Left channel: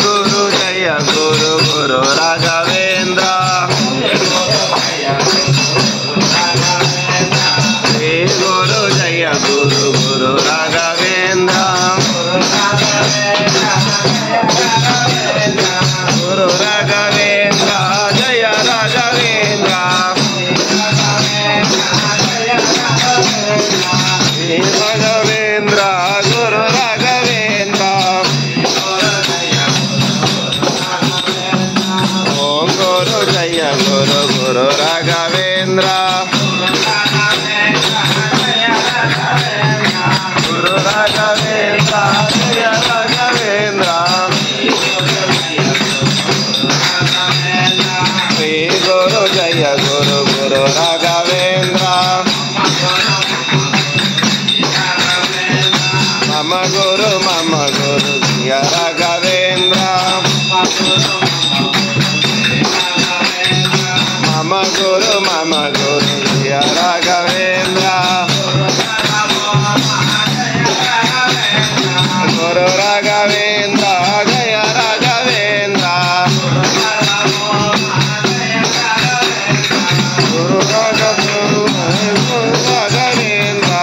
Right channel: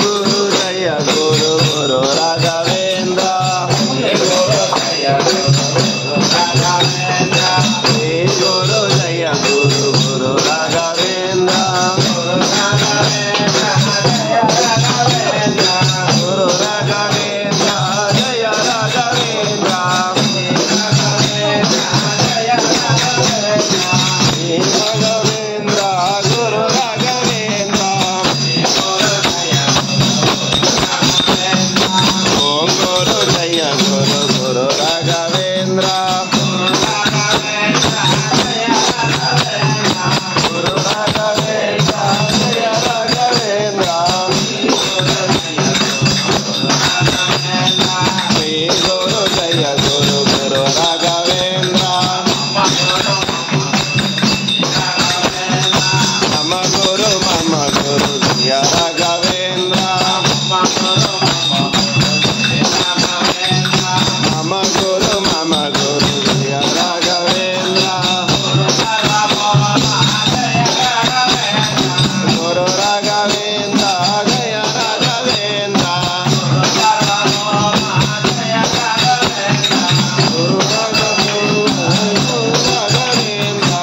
गुरु जय गुरु गुरु राघवेंद्र श्री गुरु जय गुरु गुरु राघवेंद्र गुरु राघवेंद्र जय राघवेंद्र श्री राघवेंद्र गुरु राघवेंद्र ओम गुरु जय गुरु गुरु राघवेंद्र गुरु राघवेंद्र जय राघवेंद्र श्री गुरु जय गुरु गुरु राघवेंद्र मम गुरु जय राघवेंद्र मम गुरु जय राघवेंद्र गुरु राघवेंद्र जय राघवेंद्र गुरु राघवेंद्र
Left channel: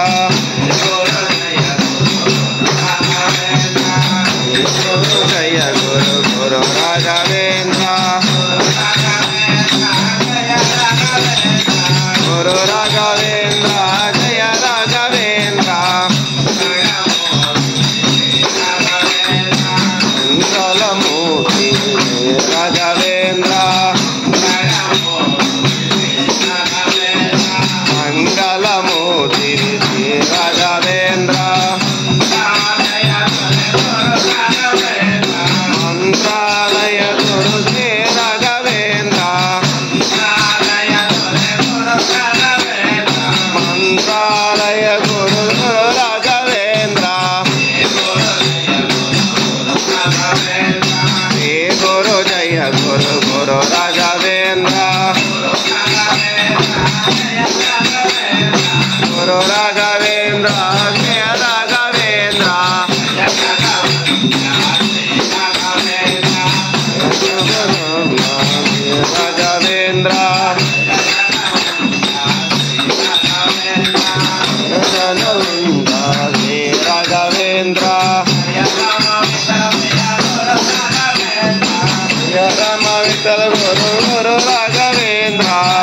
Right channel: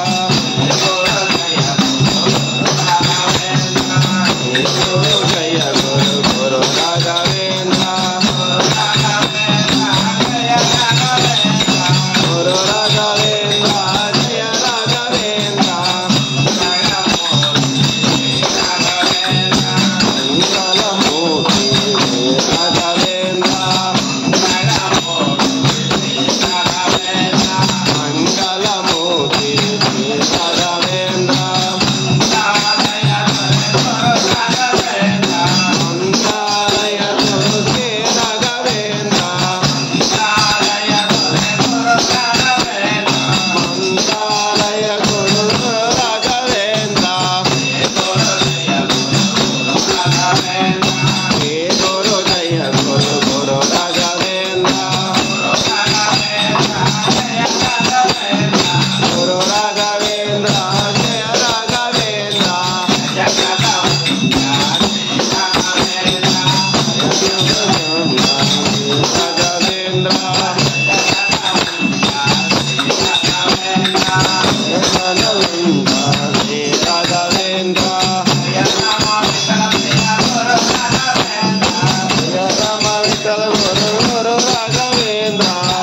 गुरु जय गुरु गुरु राघवेंद्र गुरु राघवेंद्र जय राघवेंद्र मंगलमूर्ति राघवेंद्र मंगलमूर्ति राघवेंद्र मंत्रालय गुरु श्री राघवेंद्र मंत्रालय गुरु राघवेंद्र श्री गुरु जय गुरु गुरु राघवेंद्र गुरु राघवेंद्र जय राघवेंद्र राघवेंद्र गजानंद श्री राघवेंद्र जय राम विठ्ठल गुरु गुरु राघवेंद्र